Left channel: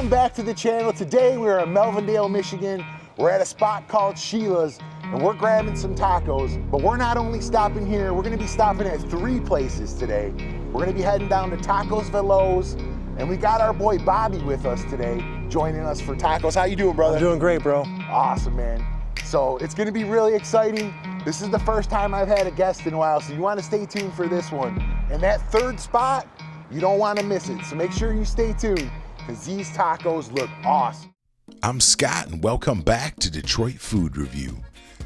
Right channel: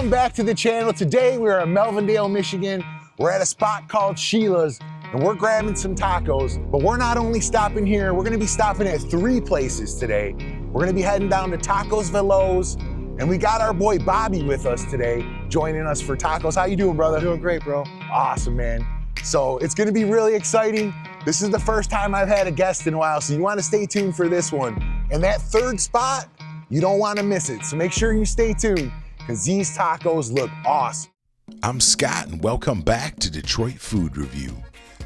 Welcome back to the channel. Today we are in Melvindale, Michigan. We're at a spot called Sheila's and we're grabbing some tacos, but we're not only stopping here, we're gonna be stopping at 3 places today. We're gonna be heading down to Tacos Veloz, and we got our boy Bobby with us today, joining us for tacos. How you doing, brother? I'm doing great, bro. Awesome, man. So it's gonna be really exciting. This is the first time I've had a guest in a while, so you wanna stay tuned for this one. And that 3rd spot, you don't wanna miss it. So make sure you stay tuned, because these tacos look awesome. I'm Scott, and welcome back to Detroit Food Review.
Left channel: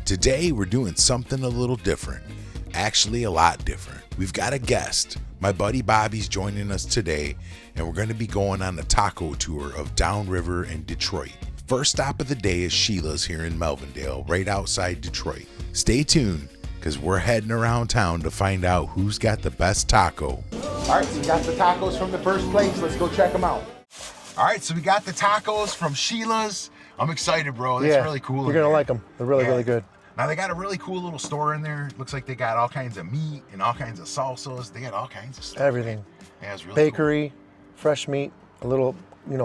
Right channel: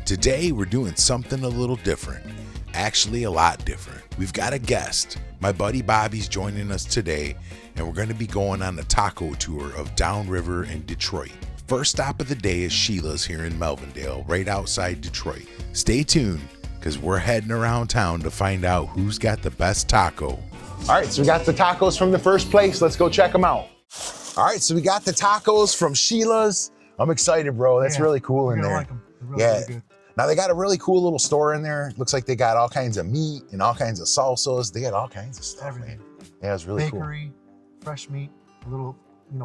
Today we're doing something a little different, actually a lot different. We've got a guest. My buddy Bobby's joining us today, and we're going to be going on a taco tour of downriver in Detroit. First stop of the day is Sheila's here in Melvindale, right outside Detroit. Stay tuned, because we're heading around town to find out who's got the best taco. All right, so we got the tacos from the first place. Let's go check them out. All right, so we got the tacos from Sheila's. I'm excited, bro. That's really cool. You're gonna like them. They're really good. Now they got a really cool little store in there. Looks like they got all kinds of meat and all kinds of salsas. They got all kinds of stuff. Everything. Yeah, it's really Bakery, fresh meat, a little,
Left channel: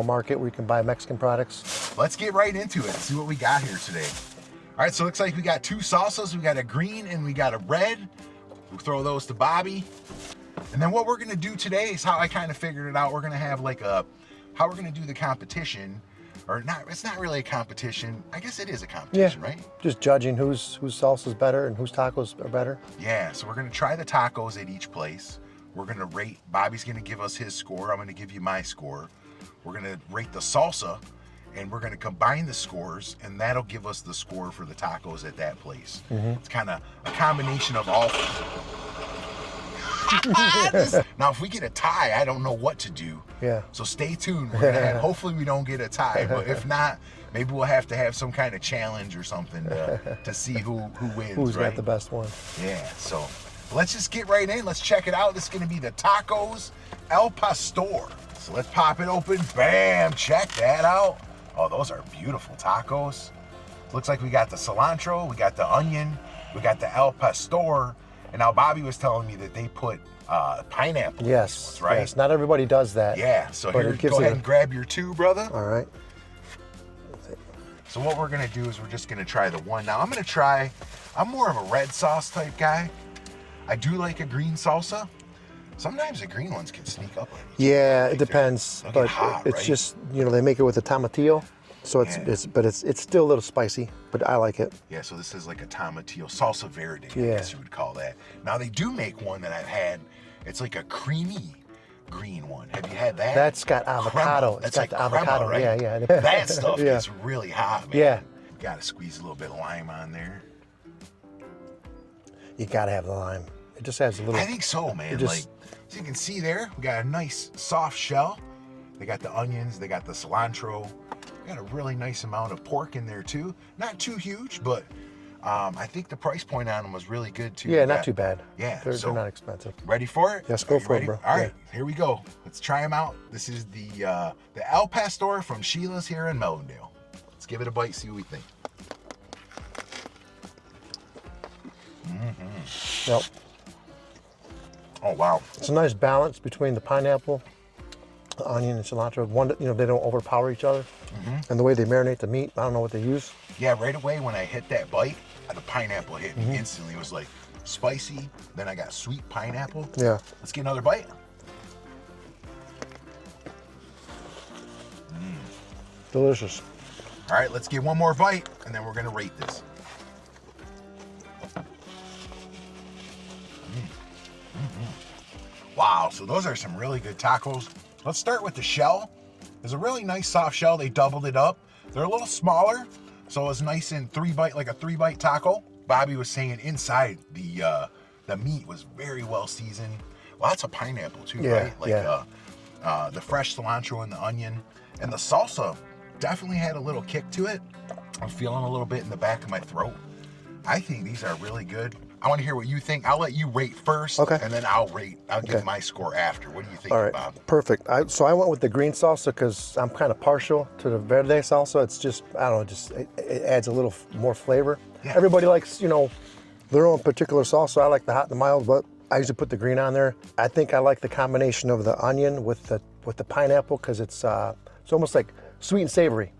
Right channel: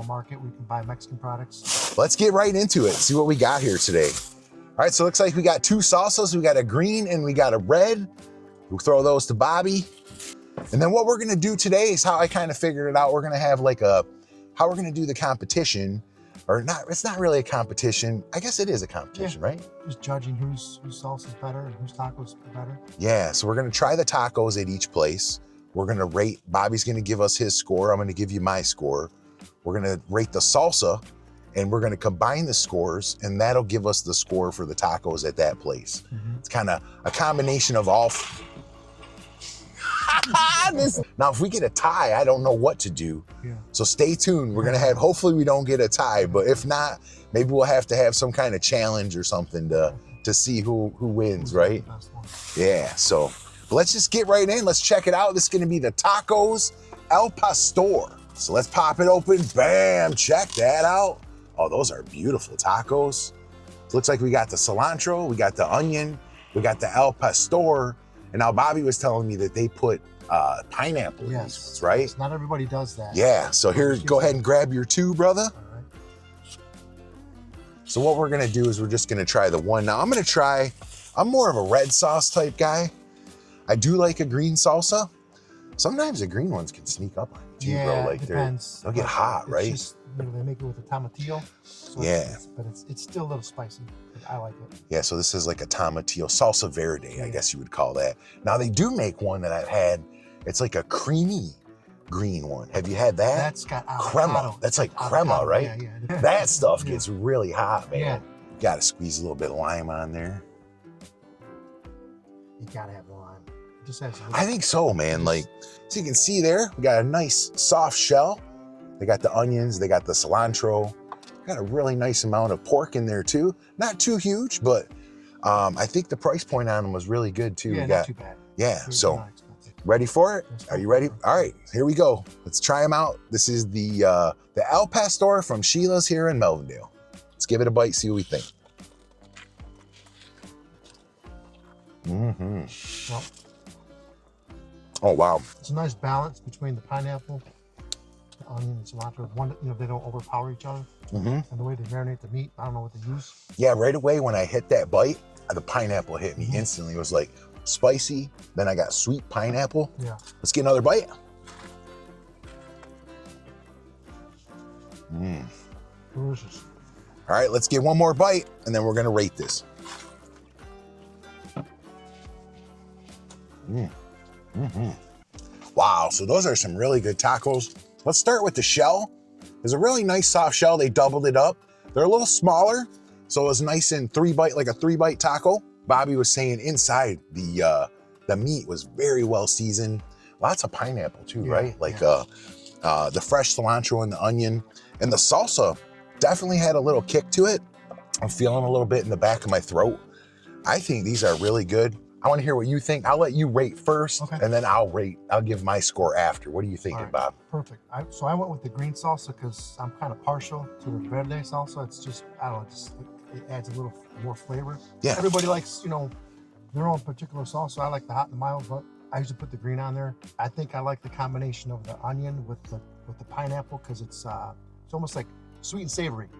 market where you can buy Mexican products. Let's get right into it. See what we got here today. All right, so it looks like we got 2 salsas. We got a green and we got a red. We'll throw those to Bobby. And then what we're gonna do today is how I kind of figured it out. We're gonna have like how we're gonna do the competition, or not, it's not really a competition. I guess it is a competition, right? Just judging whose salsa's better and whose tacos are better. Yeah, so we're gonna try the tacos at each place. We're gonna rate, Bobby's gonna give us his score. I'm gonna give you my score. We're gonna rate the salsa, and we're gonna combine the scores, and that'll give us the score for the tacos at that place. It's kind of a combination of all. Now, if we get a tie, I don't know what to do. Yeah. So stay tuned. We're gonna have, hopefully we don't get a tie, but if not, maybe we'll have to have some kind of challenge or something to see who wins, Who's right? got the best one. Yeah, so let's just get right in. Let's check it out. This is gonna be the Tacos El Pastor. So let's pop it open. Bam, check that out. Oh, those are beautiful tacos. Looks like we got the cilantro, we got the onion, we got the El Pastor. And now Bobby was telling me that they put pineapple in these ones, right? Yes, not everybody does that. Yeah, so here, go ahead and grab your 2, brother. All right. So what we're gonna do is we're just gonna try the one. Now I'm more of a red sauce type guy. I do like a green salsa. Sometimes the green ones can sneak up on you. Yeah, Like it depends. They'll get hot, it's right? just, they make it with the tomatillo. So it's still a little spicy, but I like it. Yeah, so this is like a tomatillo, salsa verde, I guess you would call that. Now they do make one that I've had. It's like a creamy green one. Have you had that? That's got avocado. Crema. That's like crema, right? Yeah. That stuff gets really hot, man. Yeah. Got to squeeze a little bit of lime on there. You gotta have the lime. It just has a little. I think so, man. Like, so you can see there, we got a nice soft shell. They got the onions, they got the cilantro. Got a really nice amount of pork in there too. Not too huge, but I think the price point on them was really good too. Yeah, not too bad. Yeah, they're not expensive. Ready for it? Yes, Are you ready? All right, here we go. Let's try them out. This is the El Pastor from Sheila's here in Melvindale. Let's give it a bite, see what we think. Yep. Oh, wow. It's a nice balance between the pineapple, the onion, and cilantro. One, they don't overpower each other. And the way they marinate the meat, I don't know what they use. Yeah, right away when I hit that bite, the pineapple hit me instantly. It was like spicy, then I got sweet pineapple. Yeah. Let's get another bite. Delicious. All right, let's get one more bite, and then we're gonna rate this. Wow, so those are some really good tacos. Let's start with the shell. It's a really nice soft shell. They doubled it up. They're a little smaller, so it was nice and like a 3-bite taco. Bobby was saying inside the meat was very well seasoned. Lots of pineapple too, right? Like the fresh cilantro and the onion. And the salsa definitely had a little kick to it. I'm feeling a little bit in the back of my throat. I think these are really good. I want to hear what you think. I'll let you rate first, and then I'll give my score after. What do you think, Bob? Perfect. So I went with the green salsa because I'm kind of partial to the verde salsa. It's just, I don't know, it adds a little more flavor. Yeah. Everybody likes, their own particular salsa. I like the hot and the mild, but I usually put the green on there. I think I like the combination of the onion with the pineapple because it's It's almost like sweet and savory.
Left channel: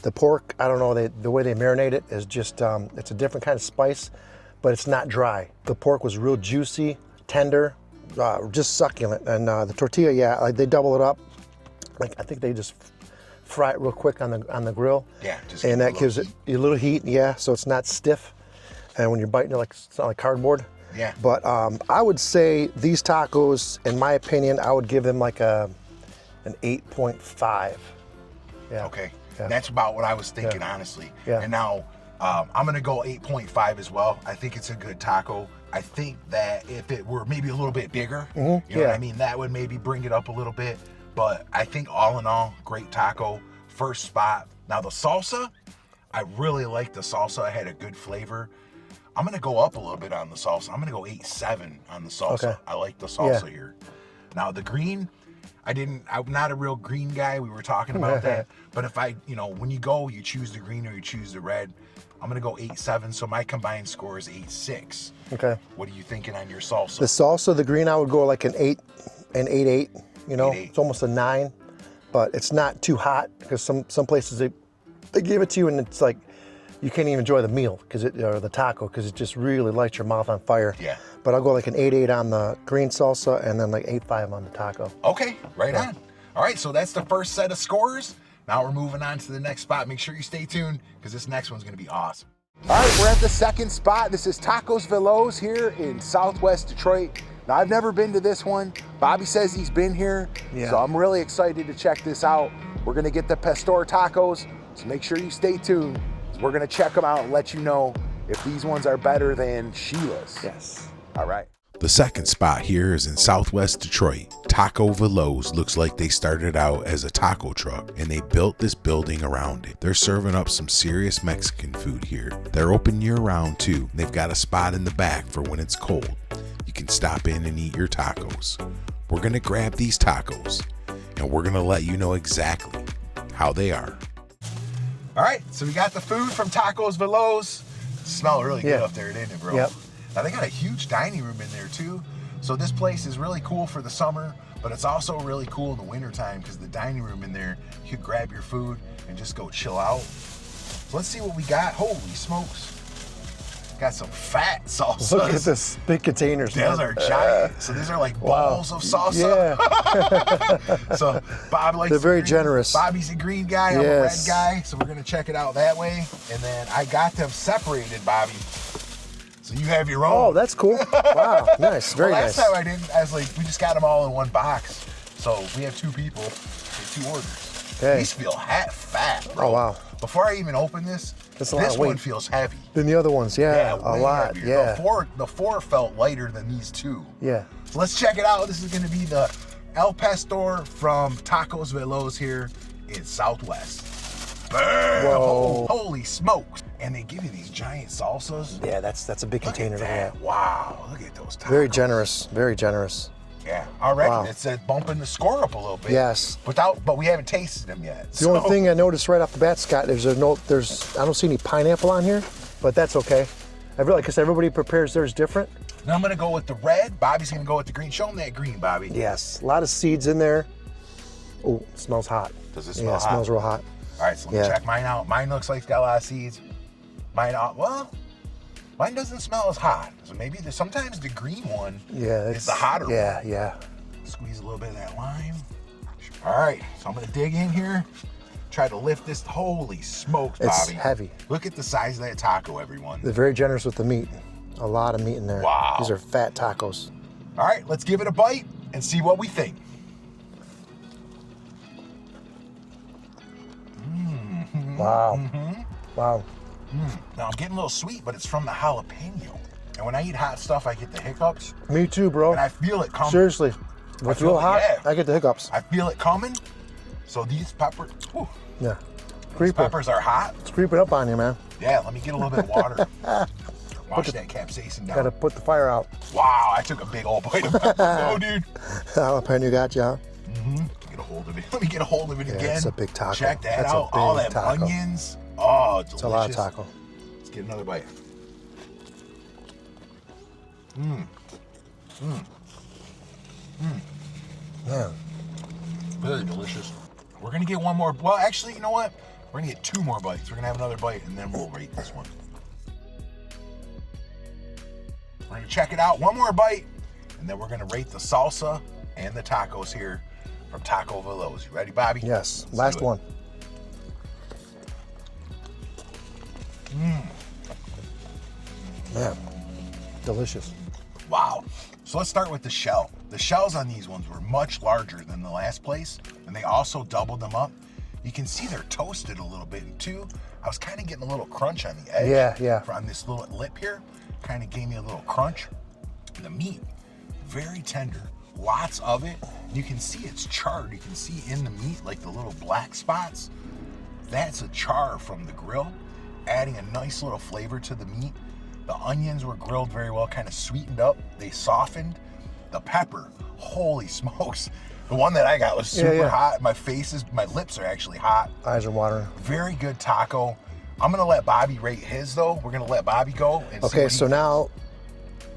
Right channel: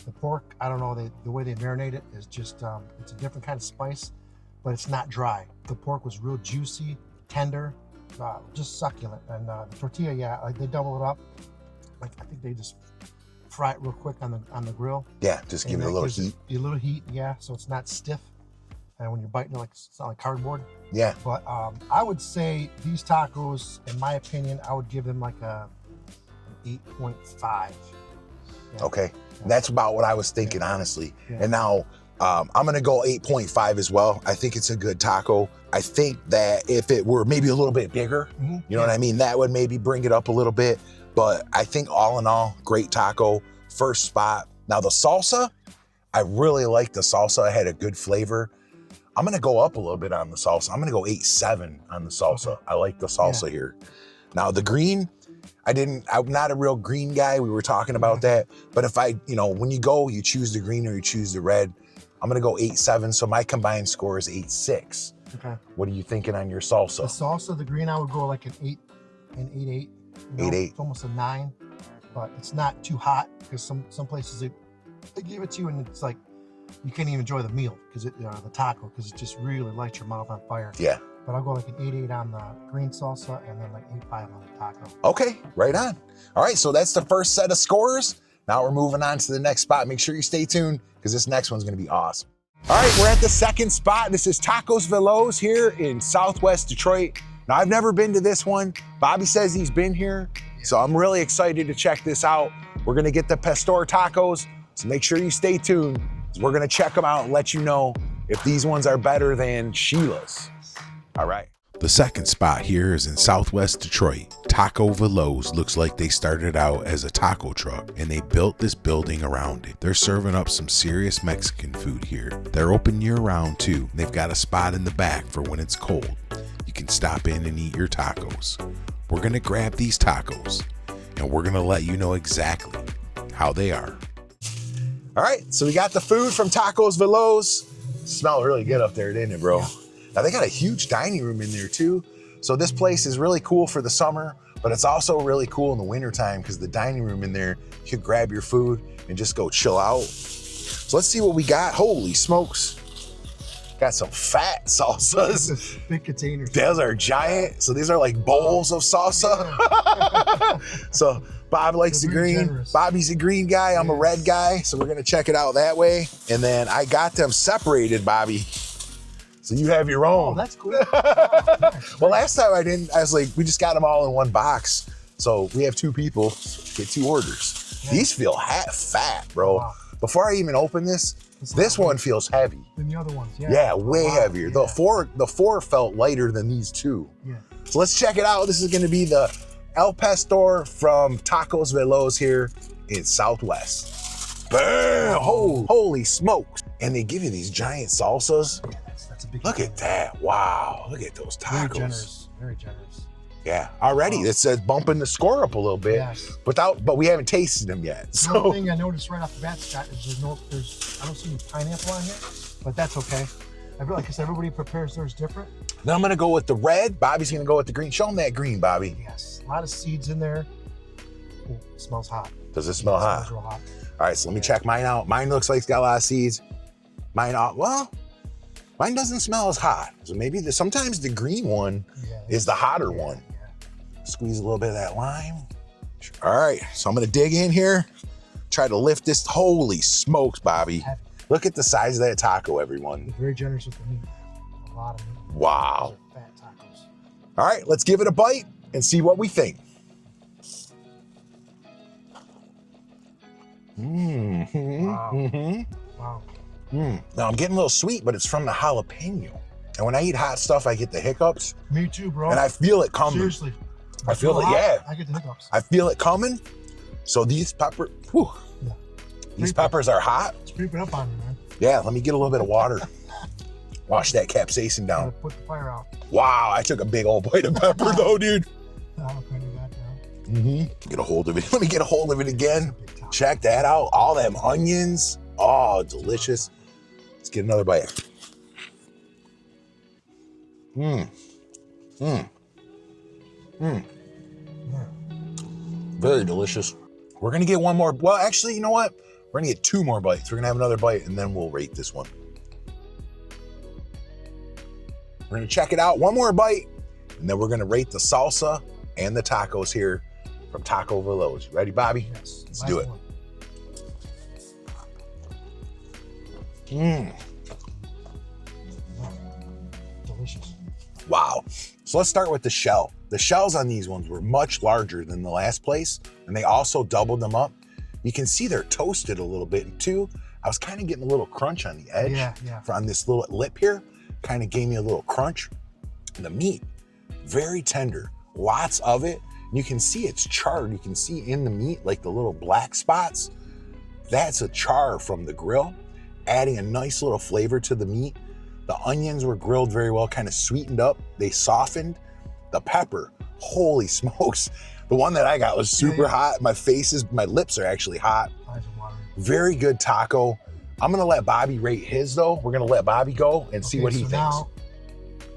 The pork, I don't know, the way they marinate it is just, it's a different kind of spice, but it's not dry. The pork was real juicy, tender, just succulent. And the tortilla, yeah, like they double it up. Like I think they just fry it real quick on the grill. Yeah, just and that give gives it it a little heat, yeah, so it's not stiff. And when you're biting it, like it's not like cardboard. Yeah. But I would say these tacos, in my opinion, I would give them like an 8.5. Yeah. Okay. Yeah. That's about what I was thinking, honestly. Yeah. And now I'm gonna go 8.5 as well. I think it's a good taco. I think that if it were maybe a little bit bigger, you know what I mean, that would maybe bring it up a little bit. But I think all in all, great taco. First spot. Now the salsa, I really like the salsa. It had a good flavor. I'm gonna go up a little bit on the salsa. I'm gonna go 8.7 on the salsa. Okay. I like the salsa here. Now the green, I'm not a real green guy. We were talking about that. But if when you go, you choose the green or you choose the red. I'm gonna go 8.7. So my combined score is 8.6. Okay. What are you thinking on your salsa? The salsa, the green, I would go like an 8.8. You know, 8.8. it's almost a 9, but it's not too hot because some places they give it to you and it's like you can't even enjoy the meal or the taco because it just really lights your mouth on fire. Yeah. But I'll go like an 8.8 on the green salsa and then like 8.5 on the taco. Okay, right on. All right, so that's the first set of scores. Now we're moving on to the next spot. Make sure you stay tuned because this next one's gonna be awesome. All right, we're at the second spot. This is Tacos Veloz here in Southwest Detroit. Now, I've never been to this one. Bobby says he's been here, so I'm really excited to check this out. We're gonna get the pastor tacos, so make sure you stay tuned. We're gonna check them out and let you know if these ones are better than Sheila's. Yes. All right. The second spot here is in Southwest Detroit. Taco Veloz looks like they started out as a taco truck and they built this building around it. They're serving up some serious Mexican food here. They're open year round too. They've got a spot in the back for when it's cold. You can stop in and eat your tacos. We're gonna grab these tacos and we're gonna let you know exactly how they are. All right, so we got the food from Tacos Veloz. Smelled really good up there, didn't it, bro? Yep. Now they got a huge dining room in there too. So this place is really cool for the summer, but it's also really cool in the wintertime because the dining room in there, you could grab your food and just go chill out. So let's see what we got. Holy smokes. Got some fat salsas. Look at this big containers. Those are giant. So these are like bowls of salsa. Yeah. So Bob likes They're the very green. generous. Bobby's a green guy. I'm a red Yes. guy. So we're gonna check it out that way. And then I got them separated, Bobby. So you have your own. Oh, that's cool. Wow, nice. Very Well, last nice. time I was like, we just got them all in one box. So we have 2 people, get 2 orders. Okay. These feel fat, bro. Oh, wow. Before I even open this, That's a lot this of one weight. feels heavy. Than the other ones, yeah. Yeah, a way lot, heavier. Yeah. The four felt lighter than these 2. Yeah. So let's check it out. This is gonna be the El Pastor from Tacos Veloz here in Southwest. Bam! Whoa. Holy smokes. And they give you these giant salsas. Yeah, that's a big Look container. at that. Wow, look at those tacos. Very generous. Very generous. Yeah, already. Wow. It says bumping the score up a little bit. Yes. But we haven't tasted them yet. The only thing I noticed right off the bat, Scott, I don't see any pineapple on here, but that's okay. Like I said, everybody prepares theirs different. Then I'm gonna go with the red. Bobby's gonna go with the green. Show him that green, Bobby. Yes, a lot of seeds in there. Oh, it smells hot. Does it smell Yeah, it hot? smells real hot. All right, so let me Yeah. check mine out. Mine looks like it's got a lot of seeds. Mine doesn't smell as hot. So maybe sometimes the green one is the hotter one. Yeah. Squeeze a little bit of that lime. All right, so I'm gonna dig in here, try to lift this. Holy smokes, It's Bobby. heavy. Look at the size of that taco, everyone. They're very generous with the meat. A lot of meat in there. Wow. These are fat tacos. All right, let's give it a bite and see what we think. Wow. Wow. Now I'm getting a little sweet, but it's from the jalapeno. And when I eat hot stuff, I get the hiccups, Me too, bro. and I feel it coming. Seriously. I feel real it, hot, yeah. I get the hiccups. I feel it coming. So these peppers, Yeah. these peppers are hot. It's creeping up on you, man. Yeah, let me get a little bit of water. Wash that capsaicin Gotta down. put the fire out. Wow, I took a big old bite of pepper though, dude. Jalapeno got you out. Get a hold of it. Let me get a hold of it again. it's a big taco. Check that That's a out. All big them taco. onions. Oh, It's a lot of delicious. taco. Let's get another bite. Yeah. Very delicious. We're gonna get one more. Well, actually, you know what? We're gonna get 2 more bites. We're gonna have another bite and then we'll rate this one. We're gonna check it out. One more bite and then we're gonna rate the salsa and the tacos here from Taco Veloz. You ready, Bobby? Yes, Let's last one. Mmm. Yeah, delicious. Wow. So let's start with the shell. The shells on these ones were much larger than the last place, and they also doubled them up. You can see they're toasted a little bit, and too, I was kind of getting a little crunch on the edge. Yeah. On this little lip here, kind of gave me a little crunch. And the meat, very tender, lots of it. You can see it's charred. You can see in the meat, like the little black spots. That's a char from the grill, adding a nice little flavor to the meat. The onions were grilled very well, kind of sweetened up. They softened. The pepper, holy smokes. The one that I got was super hot. My lips are actually hot. Eyes are watering. Very good taco. I'm gonna let Bobby rate his though. We're gonna let Bobby go and see what he thinks. Okay, so now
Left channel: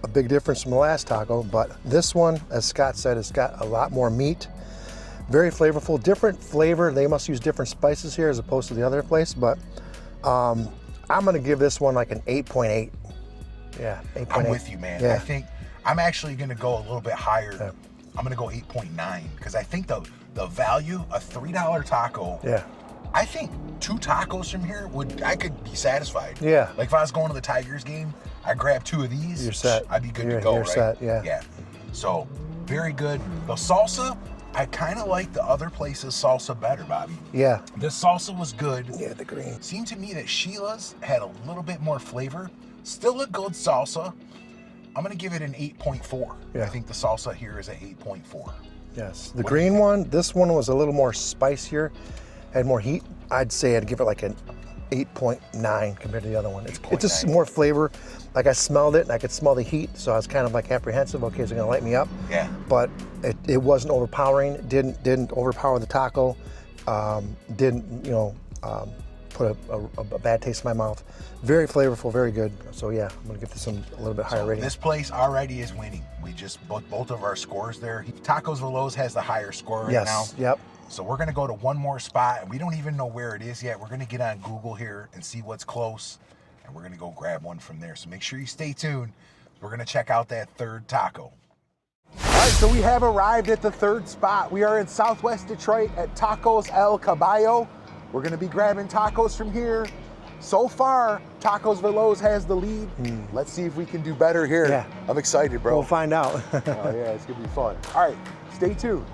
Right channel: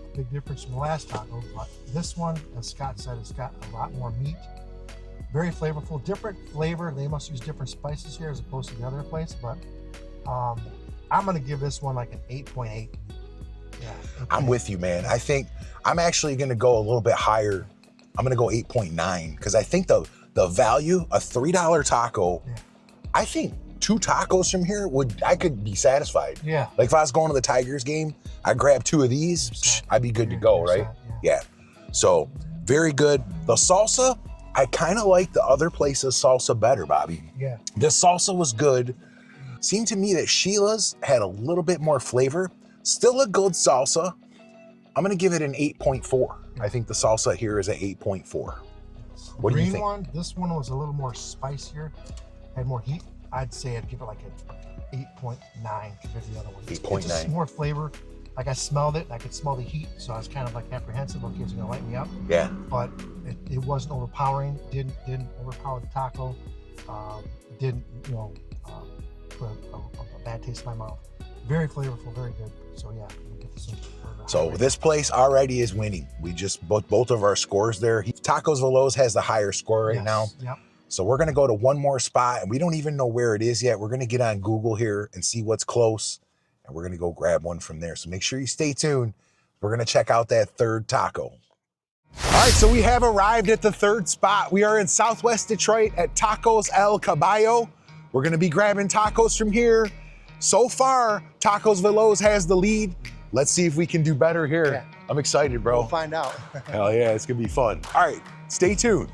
a big difference from the last taco, but this one, as Scott said, it's got a lot more meat. Very flavorful, different flavor. They must use different spices here as opposed to the other place, but I'm gonna give this one like an 8.8. Yeah, 8.8. I'm with you, man. Yeah. I think I'm actually gonna go a little bit higher. Yeah. I'm gonna go 8.9 because I think the value, a $3 taco. Yeah. I think 2 tacos from here I could be satisfied. Yeah. Like if I was going to the Tigers game, I'd grab 2 of these. You're set. I'd be good to go, you're right? Set, yeah. Yeah. So very good. The salsa, I kind of like the other place's salsa better, Bobby. Yeah. This salsa was good. Yeah, the green. Seemed to me that Sheila's had a little bit more flavor. Still a good salsa. I'm gonna give it an 8.4. Yeah. I think the salsa here is an 8.4. Yes. The What do you green think? one, this one was a little more spicier, had more heat. I'd say I'd give it like an 8.9 compared to the other one. It's just 8.9. more flavor. Like I smelled it and I could smell the heat, so I was kind of like apprehensive. Okay, is it gonna light me up? Yeah. But it wasn't overpowering. It didn't overpower the taco. Didn't put a bad taste in my mouth. Very flavorful, very good. So yeah, I'm gonna give this a little bit higher So rating. this place already is winning. We just both of our scores there. Tacos Veloz has the higher score right now. Yep. So we're gonna go to one more spot, and we don't even know where it is yet. We're gonna get on Google here and see what's close, and we're gonna go grab one from there. So make sure you stay tuned. We're gonna check out that 3rd taco. All right, so we have arrived at the 3rd spot. We are in Southwest Detroit at Tacos El Caballo. We're gonna be grabbing tacos from here. So far, Tacos Veloz has the lead. Let's see if we can do better here. Yeah. I'm excited, bro. We'll find out. Hell yeah, it's gonna be fun. All right, stay tuned.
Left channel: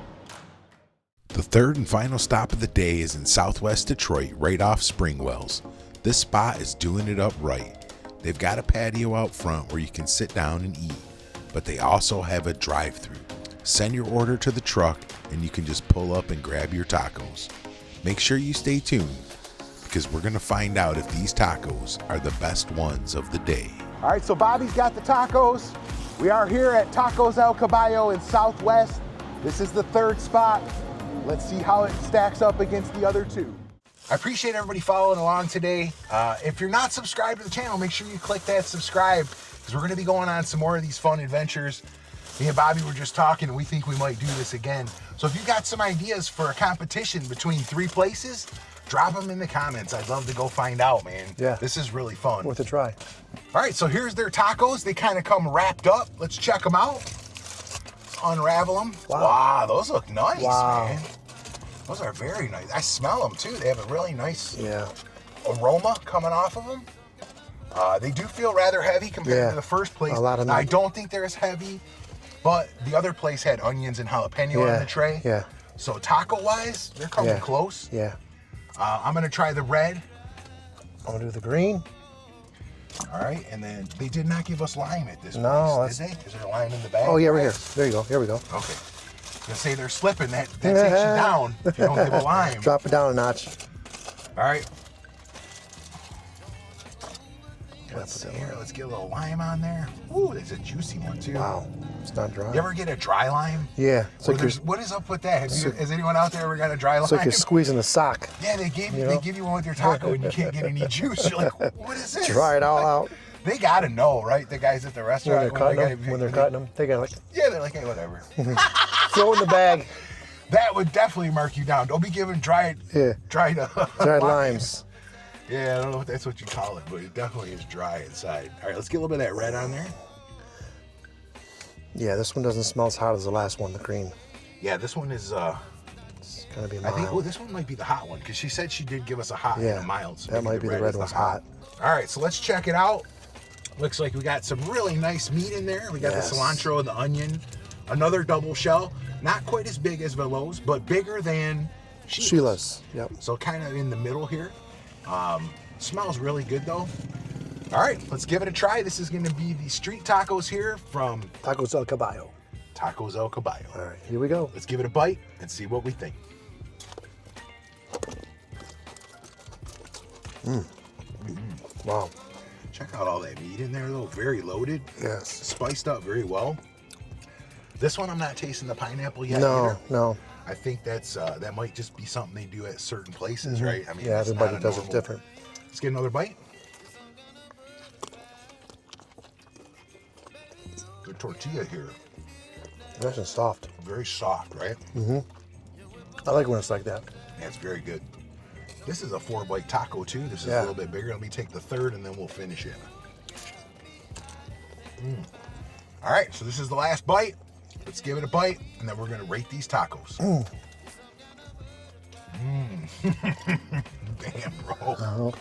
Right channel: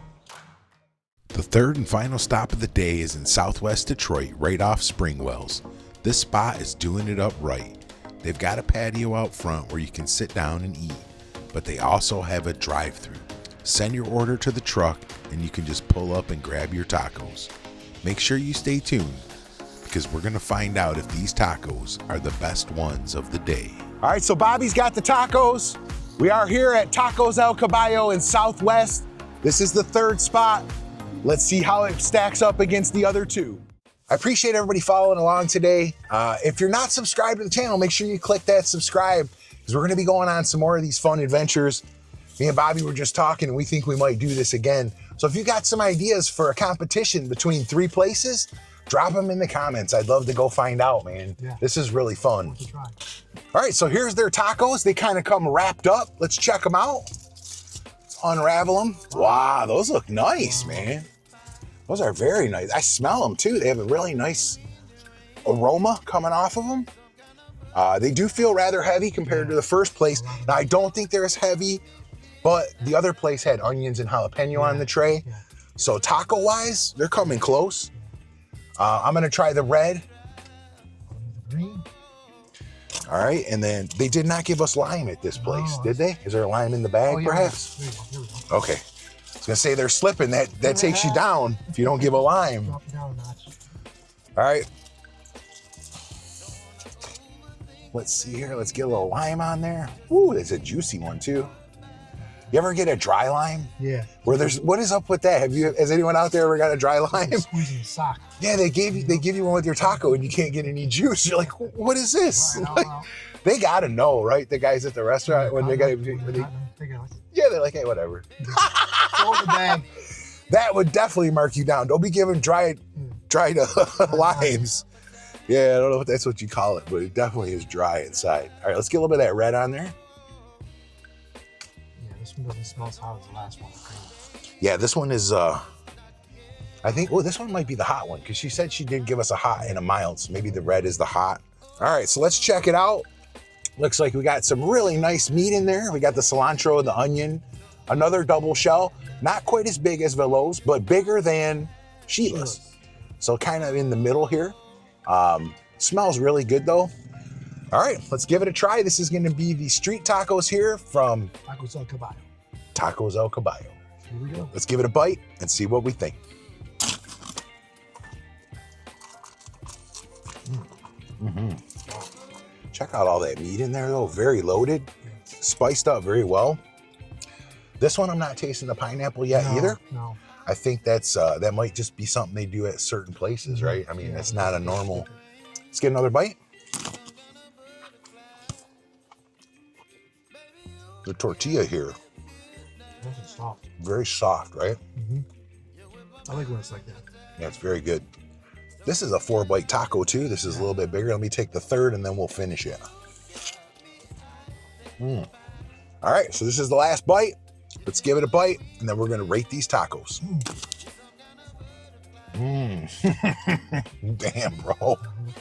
The 3rd and final stop of the day is in Southwest Detroit, right off Springwells. This spot is doing it up right. They've got a patio out front where you can sit down and eat, but they also have a drive-through. Send your order to the truck and you can just pull up and grab your tacos. Make sure you stay tuned because we're gonna find out if these tacos are the best ones of the day. All right, so Bobby's got the tacos. We are here at Tacos El Caballo in Southwest. This is the 3rd spot. Let's see how it stacks up against the other 2. I appreciate everybody following along today. If you're not subscribed to the channel, make sure you click that subscribe because we're gonna be going on some more of these fun adventures. Me and Bobby were just talking and we think we might do this again. So if you got some ideas for a competition between 3 places, drop them in the comments. I'd love to go find out, man. Yeah. This is really fun. Worth a try. All right, so here's their tacos. They kind of come wrapped up. Let's check them out. Unravel them. Wow, those look nice, man. Those are very nice. I smell them too. They have a really nice aroma coming off of them. They do feel rather heavy compared to the first place. Now, I don't think they're as heavy, but the other place had onions and jalapeno on the tray. Yeah. So taco-wise, they're coming close. Yeah. I'm gonna try the red. I'm gonna do the green. All right, and then they did not give us lime at this place, did they? Is there a lime in the bag? Oh yeah, perhaps? there you go. Here we go. Okay. I was gonna say they're slipping. That takes you down if you don't give a lime. Drop it down a notch. All right. Let's see here. Let's get a little lime on there. Ooh, it's a juicy one too. Wow, it's not dry. You ever get a dry lime? Yeah. What is up with that? Has anyone out there ever got a dry lime? It's like you're squeezing a sock. Yeah, they give you one with your taco and you can't get any juice. You're like, what is this? Dry it all out. They gotta know, right? The guys at the restaurant When they're cutting them, they got like, yeah, they're like, hey, whatever. throw in the bag. That would definitely mark you down. Don't be giving dried Dried limes. Yeah, I don't know if that's what you call it, but it definitely is dry inside. All right, let's get a little bit of that red on there. Yeah, this one doesn't smell as hot as the last one, the green. Yeah, this one is, It's gonna be I think, mild. this one might be the hot one, because she said she did give us a hot and a mild, so that maybe might the be red is the one's hot. All right, so let's check it out. Looks like we got some really nice meat in there. We got the cilantro and the onion. Another double shell. Not quite as big as Velos, but bigger than Sheila's. Yep. So kind of in the middle here. Smells really good though. All right, let's give it a try. This is gonna be the street tacos here from Tacos El Caballo. Tacos El Caballo. All right, here we go. Let's give it a bite and see what we think. Wow. Check out all that meat in there though, very loaded. Yes. Spiced up very well. This one I'm not tasting the pineapple yet either. No. I think that's that might just be something they do at certain places, right? I mean, Yeah, it's not a everybody does it normal. different. Let's get another bite. The tortilla here, Nice and soft. very soft, right? I like when it's like that. Yeah, it's very good. This is a 4-bite taco too. This is a little bit bigger. Let me take the third and then we'll finish it. All right, so this is the last bite. Let's give it a bite and then we're gonna rate these tacos. Damn, bro.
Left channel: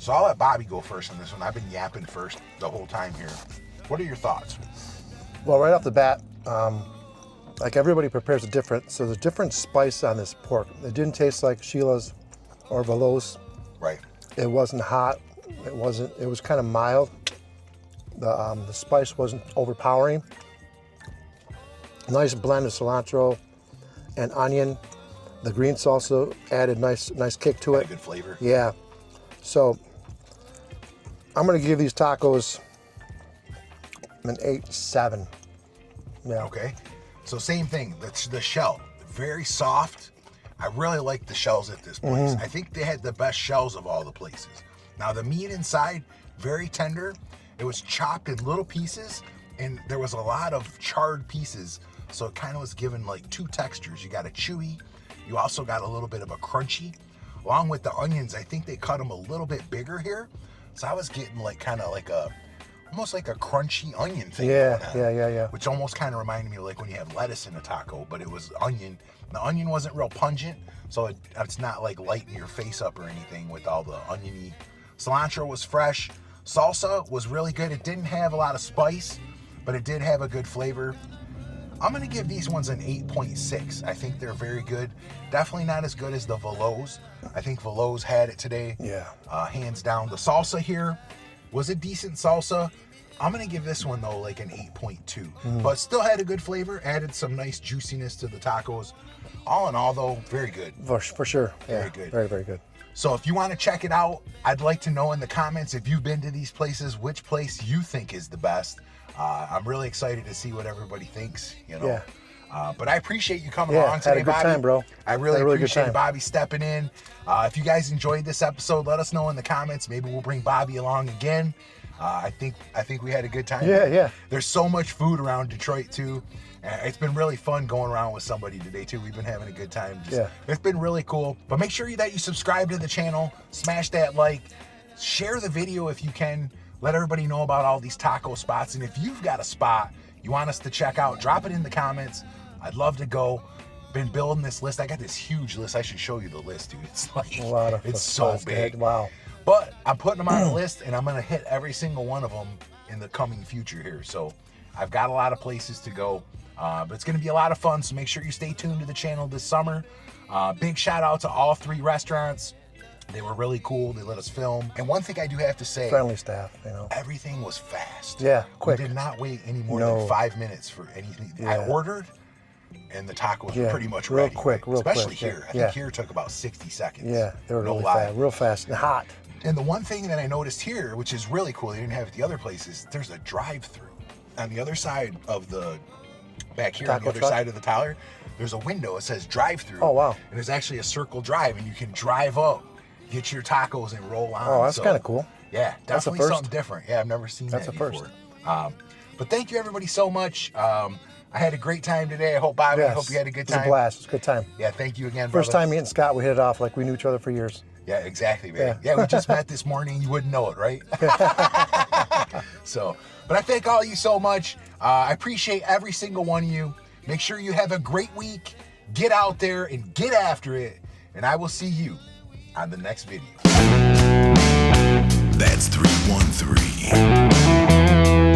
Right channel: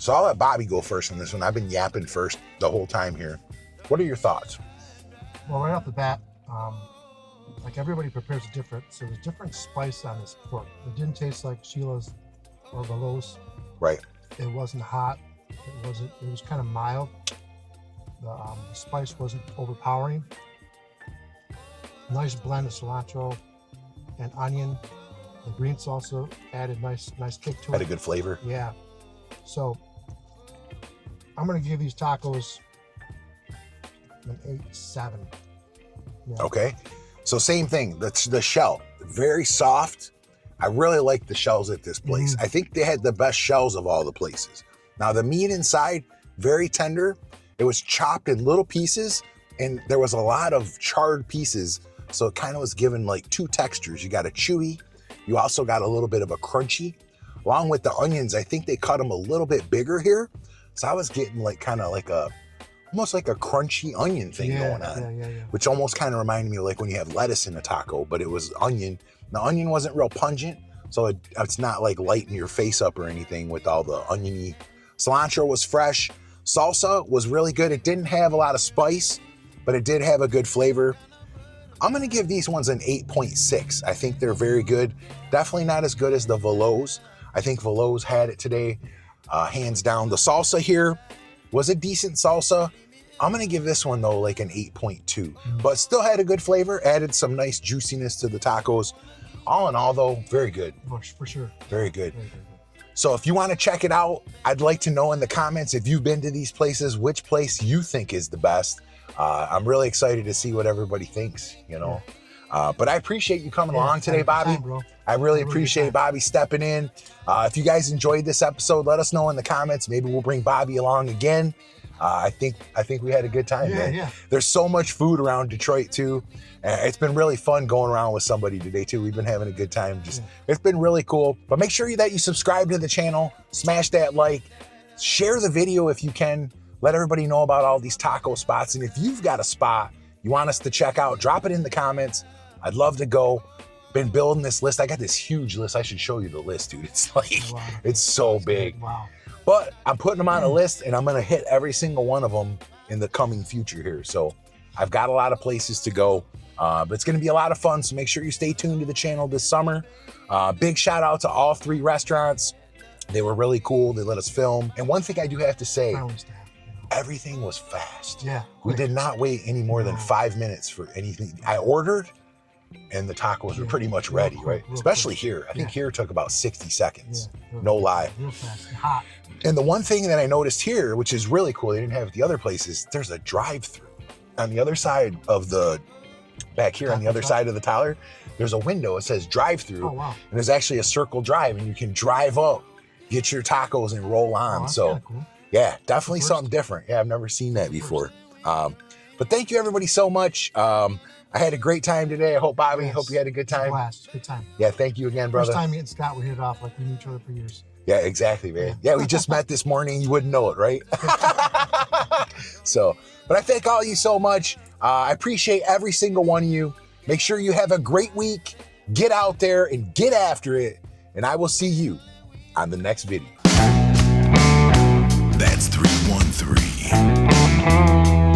So I'll let Bobby go first on this one. I've been yapping first the whole time here. What are your thoughts? Well, right off the bat, like everybody prepares it different, so there's different spice on this pork. It didn't taste like Sheila's or Velos. Right. It wasn't hot. It was kind of mild. The spice wasn't overpowering. Nice blend of cilantro and onion. The green salsa added nice kick to Got it. a good flavor. Yeah. So I'm gonna give these tacos an 8-7. Yeah. Okay. So same thing, the shell, very soft. I really like the shells at this place. I think they had the best shells of all the places. Now the meat inside, very tender. It was chopped in little pieces and there was a lot of charred pieces. So it kind of was given like two textures. You got a chewy, you also got a little bit of a crunchy. Along with the onions, I think they cut them a little bit bigger here. So I was getting like kind of like almost like a crunchy onion thing going on. Yeah. Which almost kind of reminded me of like when you have lettuce in a taco, but it was onion. The onion wasn't real pungent, so it's not like lighting your face up or anything with all the oniony. Cilantro was fresh. Salsa was really good. It didn't have a lot of spice, but it did have a good flavor. I'm gonna give these ones an 8.6. I think they're very good. Definitely not as good as the Velos. I think Velos had it today. Yeah. Hands down. The salsa here was a decent salsa. I'm gonna give this one though like an 8.2, but still had a good flavor, added some nice juiciness to the tacos. All in all though, very good. For sure. Very good. Very, very good. So if you wanna check it out, I'd like to know in the comments if you've been to these places, which place you think is the best. I'm really excited to see what everybody thinks, you know. But I appreciate you coming along today, had a good Bobby. time, bro. I really good appreciate time. Bobby stepping in. If you guys enjoyed this episode, let us know in the comments. Maybe we'll bring Bobby along again. I think we had a good time. Yeah, man. yeah. There's so much food around Detroit too. It's been really fun going around with somebody today too. We've been having a good time. It's been really cool. But make sure that you subscribe to the channel, smash that like, share the video if you can. Let everybody know about all these taco spots. And if you've got a spot you want us to check out, drop it in the comments. I'd love to go. Been building this list. I got this huge list. I should show you the list, dude. It's like, it's so big. Wow. But I'm putting them on a list and I'm gonna hit every single one of them in the coming future here. So I've got a lot of places to go, but it's gonna be a lot of fun. So make sure you stay tuned to the channel this summer. Big shout out to all 3 restaurants. They were really cool. They let us film. And one thing I do have to say, Friendly staff, you know. everything was fast. Yeah, quick. We did not wait any more than 5 minutes for anything. I ordered and the tacos were pretty much ready. Quick, real especially quick. here. I think here took about 60 seconds. Yeah, they were no really lie. fast, real fast and hot. And the one thing that I noticed here, which is really cool, they didn't have at the other places, there's a drive-through. On the other side of the, back here on the other side of the tower, there's a window, it says drive-through. Oh, wow. And there's actually a circle drive and you can drive up, get your tacos and roll on. Oh, that's kind of cool. Yeah, definitely first. something different. Yeah, I've never seen That's that a first. before. But thank you everybody so much. I had a great time today. I hope, Bobby, I hope you had a good It was time. a blast. It's a good time. Yeah, thank you again, brother. First time me and Scott, we hit it off like we knew each other for years. Yeah, exactly, man. Yeah, we just met this morning. You wouldn't know it, right? So, but I thank all of you so much. I appreciate every single one of you. Make sure you have a great week. Get out there and get after it. And I will see you on the next video. That's 313.